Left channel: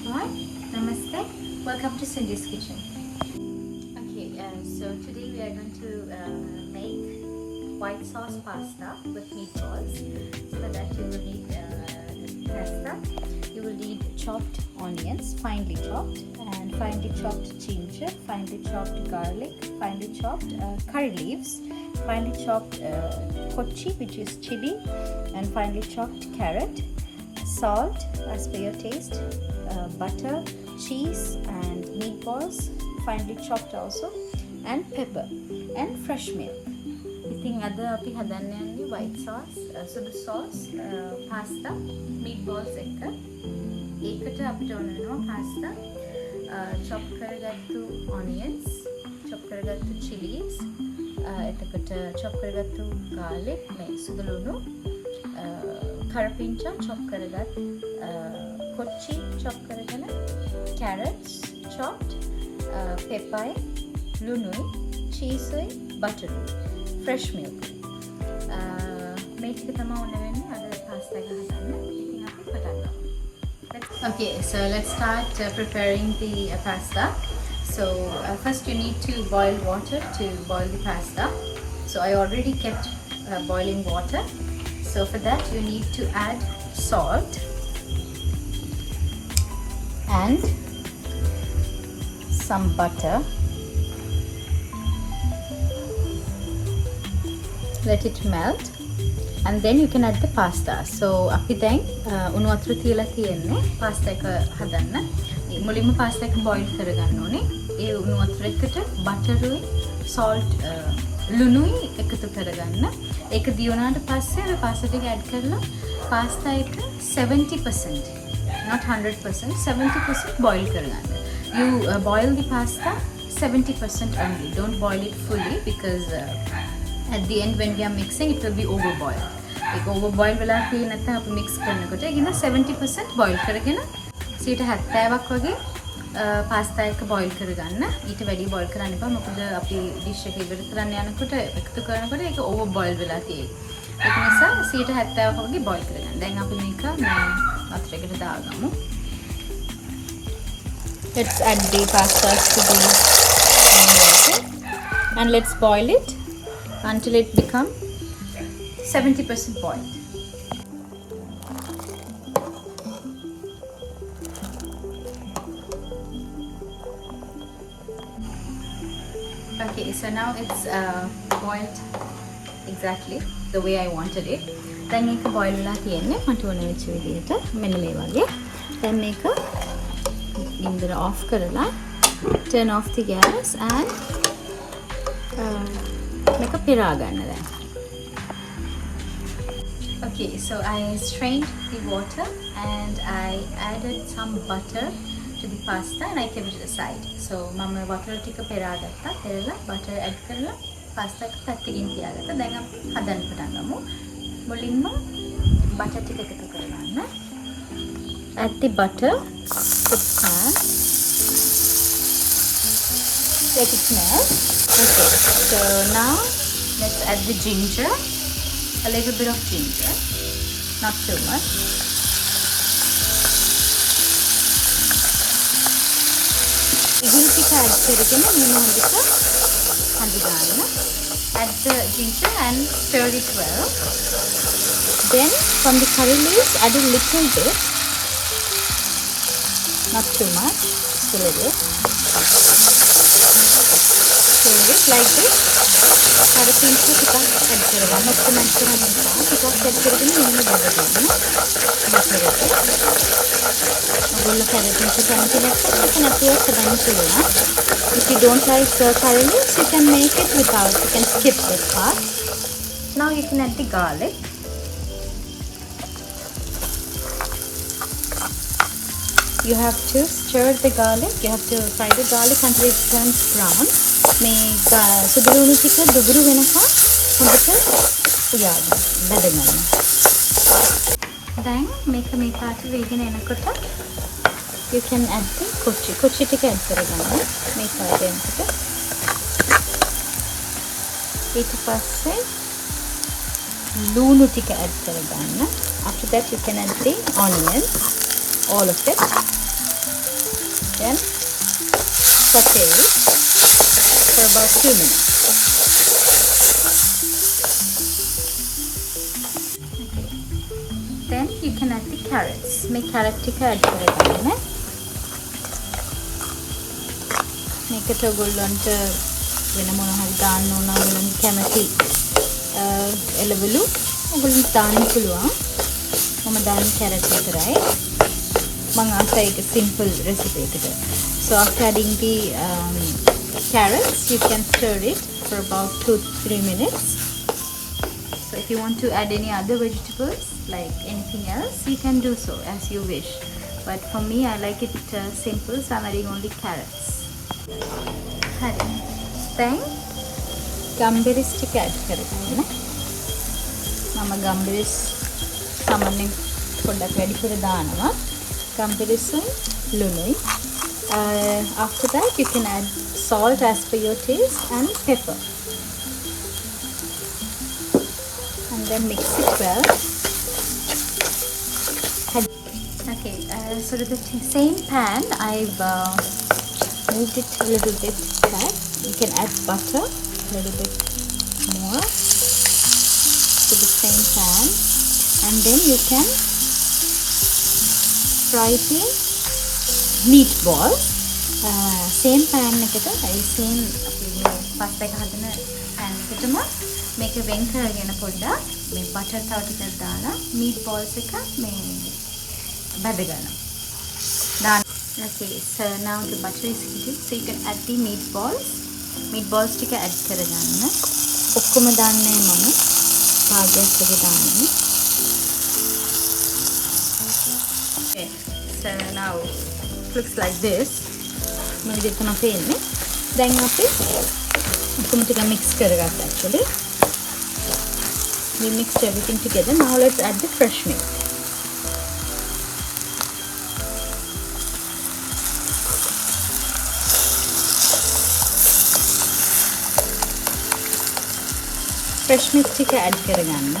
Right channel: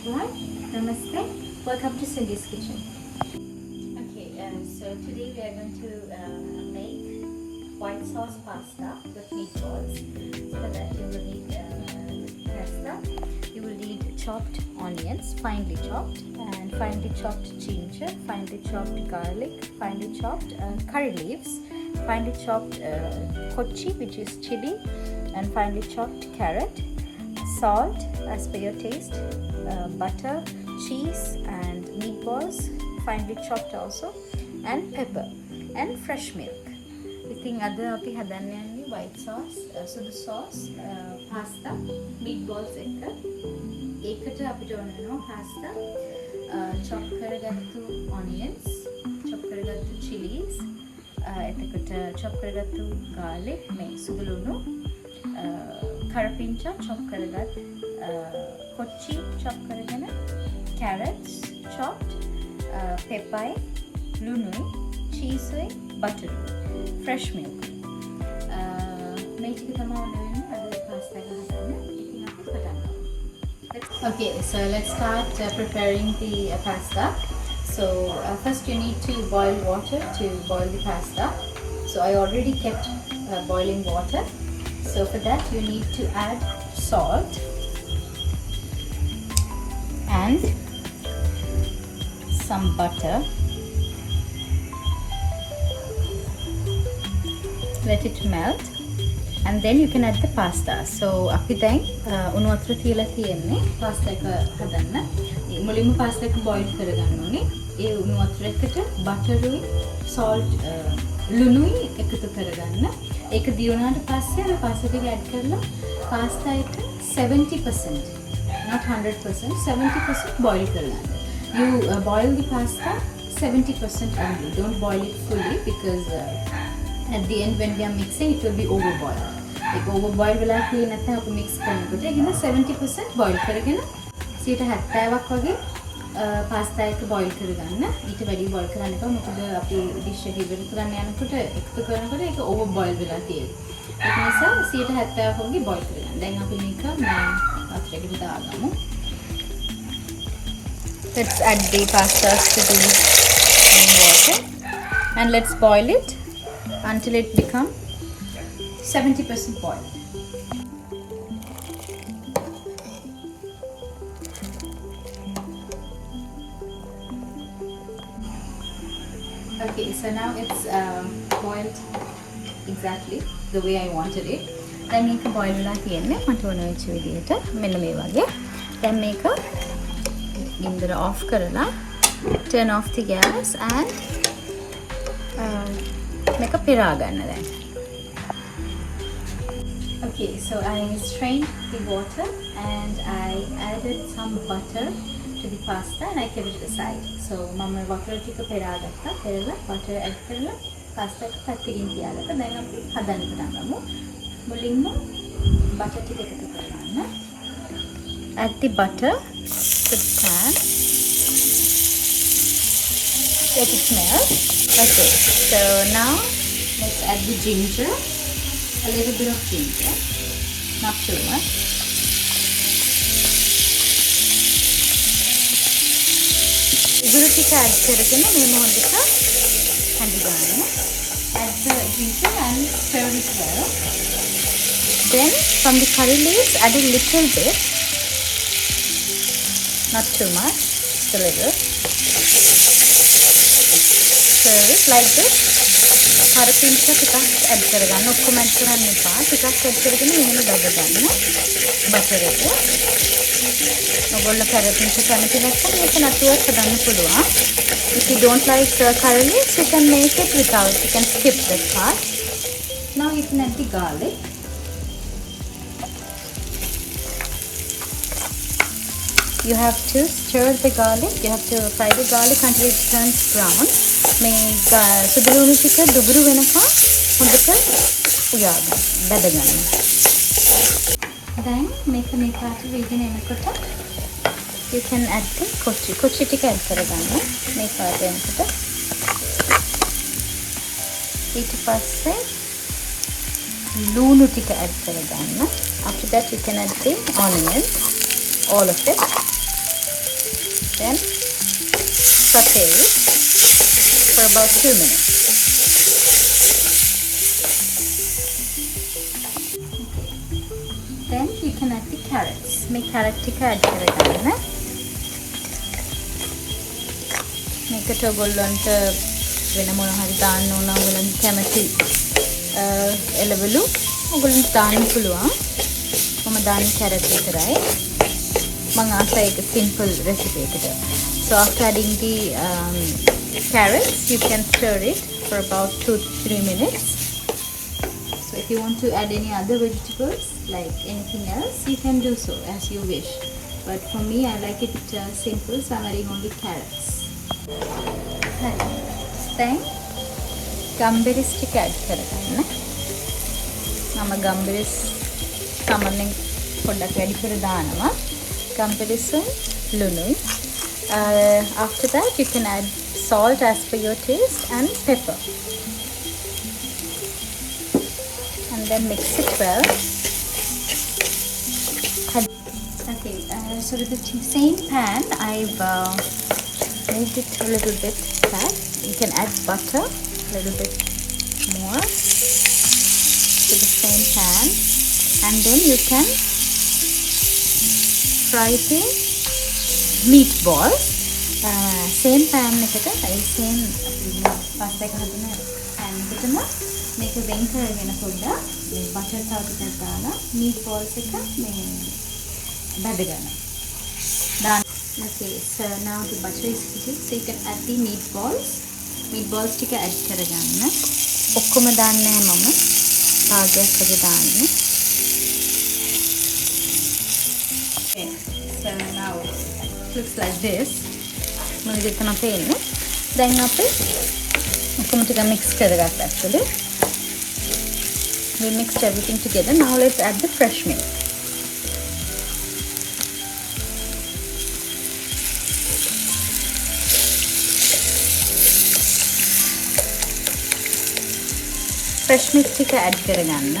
everyone. Namaste. Welcome to Cindy's Kitchen. Okay, so today we are going to make white sauce pasta with meatballs. For that you will need pasta. You will need chopped onions, finely chopped, and finely chopped ginger, finely chopped garlic, finely chopped curry leaves, finely chopped kochi, which is chili, and finely chopped carrot, salt as per your taste, butter, cheese, and meatballs, finely chopped also, and pepper, and fresh milk. ඉතින් අද අපි හදන්න යන්නේ white sauce, සුදු sauce, pasta, meatballs එක. ඒකට අපිට ඕන වෙනවා pasta, chop කරගත්තු onions, chop කරගත්තු chilies, එතකොට chop කරගත්තු garlic, මේ සුදු ලුණු, කරපිංචා chop කරගත්, කොච්චි chop කරගෙන, carrots chopped, pepper, ලුණුයි, cheese, butter, fresh milk. මේ ටික තමයි ඕන වෙන්නේ අද pasta එක හදන්න. ඉතින් අපි පටන් ගමු. Okay, so let's start preparing the pasta. So first you need to boil water to boil the pasta. So I already kept boiling water. So for that you need to add salt and some butter. Let it melt and then you can add the pasta. So අපි දැන් උණු වතුර තියලා තියෙන්නේ pasta එක හදන්න. මුලින්ම pasta එක boil කරගන්න ඕනේ. ඒ උණු වතුර එකට butterුයි salt ලුණුයි එකතු කරගන්න. ඒක දියුණාට පස්සේ අර pasta ටික add කරලා pasta එක 70%, not 100%, 70% boil කරගන්න. You boil the pasta 70% only. Don't boil it fully because at the end when we are mixing it will be overboiled. Like overboil වෙලා තියෙන නැත්නම් අපි mix කරනකොට ඒක 70% boil කරගෙන 70ක් වගේ pasta එක boil කරගන්න. ඊට වැඩි boil කරන්න එපා. මොකද අපි dish එක ඉවර කරන්න යනකොට එකතු කරනකොට ඒක overboil වෙලා තියෙයි. ඒක නිසා 70ක් වගේ boil කරගන්න. දැන් අපි මේක මේ වතුර එකට දාගමු. Let's add the pasta to the water and let's boil it until it becomes 70% boiled. Okay, so now it's boiled exactly the way I wanted it. දැන් මේක boil වෙලා තියෙන්නේ මට ඕන වෙච්ච විදිහට මෙන්න මේ වගේ. දැන් මේක ගින්දර off කරලා turn off the gas and මේක පිරා ගන්න දැන්. Okay, so I strained the water and I added some butter to the pasta and I kept it aside. So මම වතුර ටික පෙරා ගත්තා. පෙරලා butter add කරලා pasta එක පැත්තකින් තියාගත්තා. දැන් අපි හදන්න පටන් ගමු. මුලින්ම butter ටික එකතු කරගන්න. Add the butter to the pan. Let it melt. Okay, so now let's add the ginger. A little bit of ginger, not too much. Add the ginger and stir it well. Then from the curry leaves, add a little bit, not too much, just a little. Stir it like this. කරපිංචා ටිකක් add කරගන්න. ඔක්කොම add කරන්න එපා. ටිකක් add කරගෙන එහෙම බබදන්න. butter එක. ඔයගොල්ලෝ කරපිංචා කැමති නැත්නම් ඒක නැතුව හදන්න පුළුවන්. If you don't like curry leaves, you can make it without. You can skip that part. Now you can add the garlic. You have to stir the garlic. You have to fry the garlic until it turns brown. මේ සුදු ලුණු ටික දුබුරු වෙනකම් හොඳට බදගන්න. දැන් මේක මේ පාට වේගෙන එනකොට you can add the කොච්චි ටික add කරගන්න මේ පාට එනකොට. ඊට පස්සේ ලුණු ටික add කරගන්න. After that you can add the onions, all of it. Then saute it for about 2 minutes. Then you can add the carrots. Make carrot tika add කරගන්න. මේකට ඔයගොල්ලන්ට වෙන මොන හරි දාන්න ඕන ඔයගොල්ලන්ට කැමති එළවලු ඔයගොල්ලන්ට දාන්න පුළුවන්. මම දාන්නේ carrot විතරයි. මම ආසයි ඒක simple recipe එකට. So after adding the carrots, you can stir it for about 2-3 minutes. So if you want to add any other vegetables like anything else, you can do so as you wish. But for me, I like it simple, so I'm adding only carrots. Hari. Then gumberries ටික add කරගන්න. මම gumberries සාමාන්‍යයෙන් පොඩ්ඩක් වැඩි කර දානවා. Gumberries ලුණුයි. After that, you can add salt as per your taste and pepper. And then mix it well. Okay, so to the same pan, I've moved it a little bit back. You can add butter a little bit more to the same pan, and then you can fry the meatballs. Same pan එකට same අපේ pasta එක හදන pan එකටම මේක වෙන් කරගෙන පොඩ්ඩක් මේ butter තව ටිකක් දාලා meatballs එක මේ බැද ගන්නවා. Okay, so now the butter is heated, so you can add the meatballs. Meatballs ටික add කරගන්න. ඔක්කොම දාන්නේ මම ආගස් එක දාන්නේ. Okay, so now it looks like this. මම දෙක තමයි පේන්නේ. දැන් අපි ඔක්කොම ටික mix කරගත්තා actually. We mixed everything together. Now let's add the fresh milk. Fresh milk ටික add කරගන්න.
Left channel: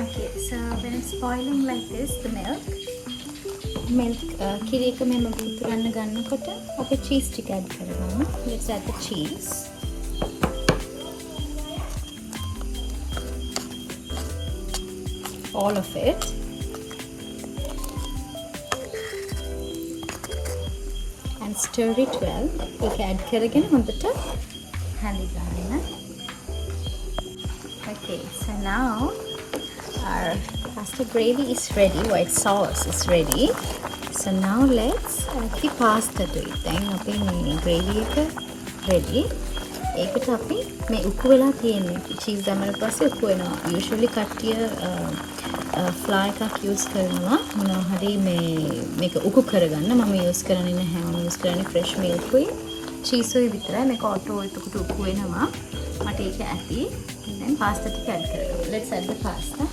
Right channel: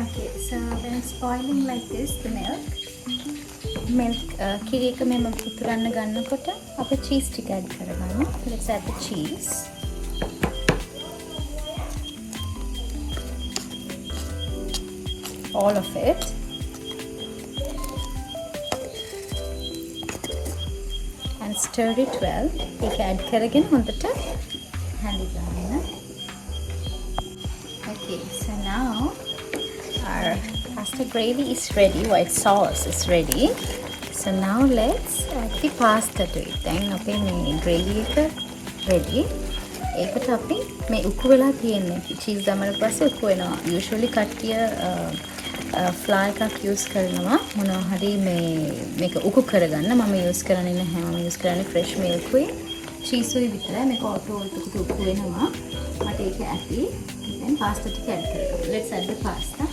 Okay, so when it's boiling like this, the milk කිරි එක මෙම පුතුරන්න ගන්නකොට අපි cheese ටික add කරගන්න. Let's add the cheese. All of it. And stir it well. You can add කරගෙන හොඳට හැලි ගන්න. Okay, so now our pasta gravy is ready. White sauce is ready. So now let's add the pasta to it. Then අපේ මේ gravy එක ready. ඒකට අපි මේ උப்பு වෙලා තියෙන්නේ cheese දාමර පස්සේ උப்பு වෙනවා. Usually කට්ටිය flour එකක් use කරනවා මොනවා හරි මේක උකු කරගන්න. මම use කරන්නේ නැහැ. මම use කරන්නේ fresh milk උයි cheese උයි විතරයි. මේක auto එතකොට උකු වෙනවා. මට ඒක ඇති. then pasta ටික add කරගන්න. Let's add the pasta.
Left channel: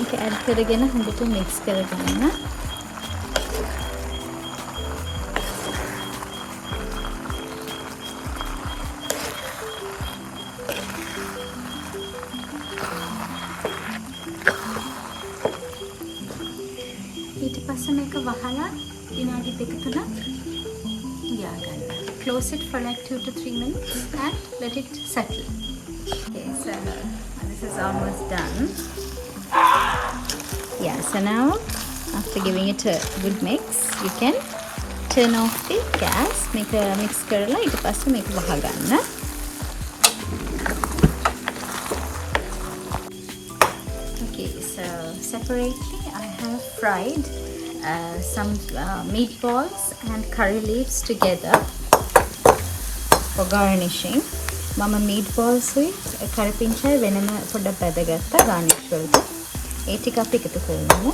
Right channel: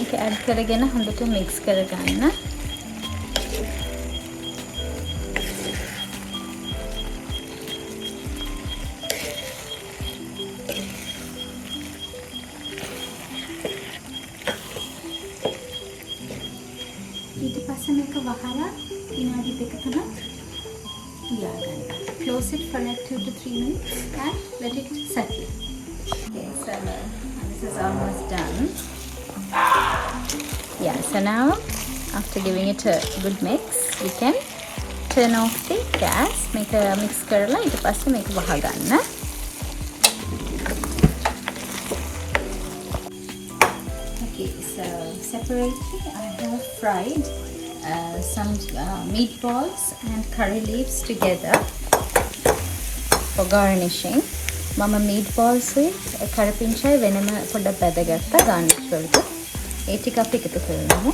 ඒක add කරගෙන හොඳට mix කරගන්න. ඊට පස්සේ මේක වහලා විනාඩි 2-3ක් තියාගන්න. Close it for like 2 to 3 minutes and let it settle. Okay, so this is almost done. Yeah, so now after giving it a good mix, you can turn off the gas. Make a mix කරලා ඊට පස්සේ මේක වහගන්න. Okay, so separately I have fried some meatballs and curry leaves together for garnishing. Mama meatballs with කරපිංචායි වෙනම පොඩ්ඩක් බැදගත්තා garnish වලට. ඒ ටික අපි එකතු කරමු.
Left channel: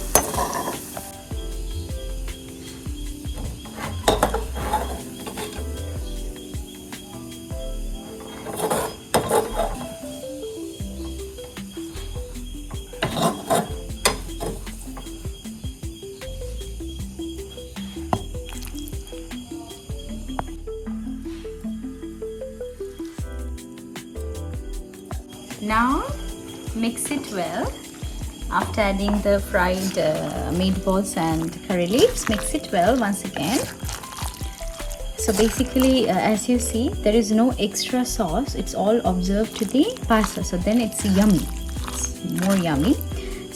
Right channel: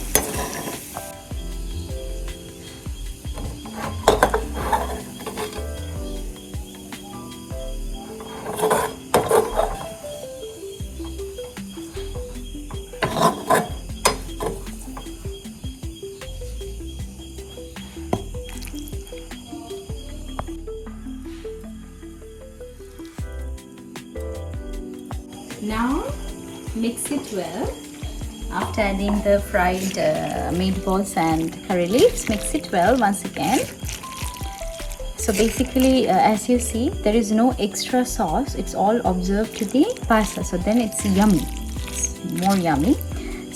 Now mix it well. After adding the fried meatballs and curry leaves, mix it well once again. So basically, as you see, there is no extra sauce. It's all observed to the pasta. So then it's yummy. It's more yummy.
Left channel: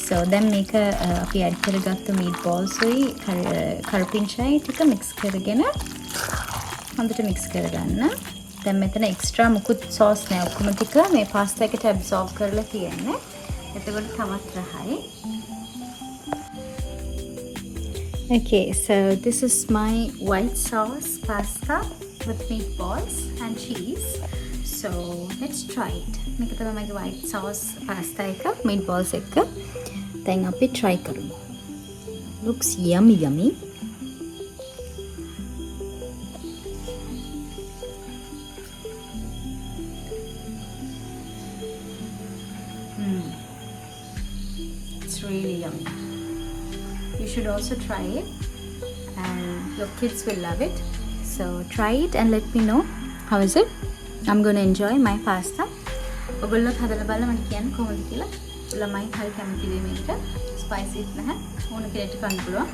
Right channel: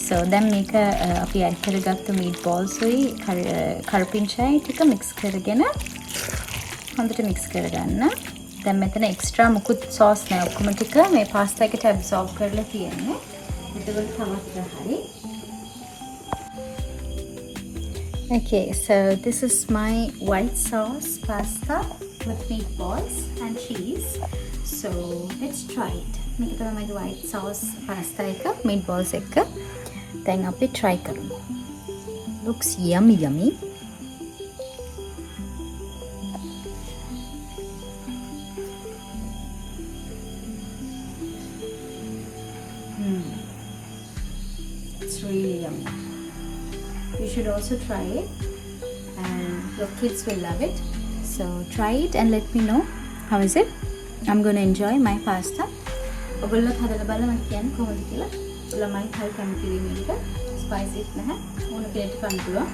So then make a අපි add කරගත්තු meatballs උයි කරපිංචායි ටික mix කරගෙන හොඳට mix කරගන්න. දැන් මෙතන extra මුකුත් sauce නෑ. ඔක්කොම ටික මේ pasta එකට absorb කරලා තියෙන්නේ. එතකොට තවත් රහයි. Okay, so this is my white sauce pasta with meatballs and cheese. So let's try it. මේක තමයි මගේ white sauce pasta එක meatballs එක. දැන් අපි try කරමු. Looks yummy yummy. It's really yummy. You should also try it and your kids will love it. So try it and let me know how is it. I'm going to enjoy my pasta. ඔයගොල්ලොත් හදලා බලලා මට කියන්න කොහොමද කියලා. ළමයි හරි කැමති වෙයි මේකට. ස්පයිසි නැහැ. ඕන කෙනෙක්ට කන්න පුළුවන්.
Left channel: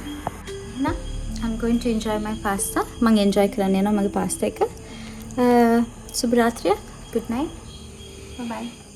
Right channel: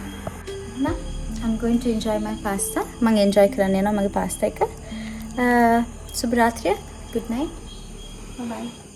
එහෙනම් I'm going to enjoy my pasta. මම enjoy කරන්න යනවා මගේ pasta එක. සුබ රාත්‍රියක්. Good night. Bye bye.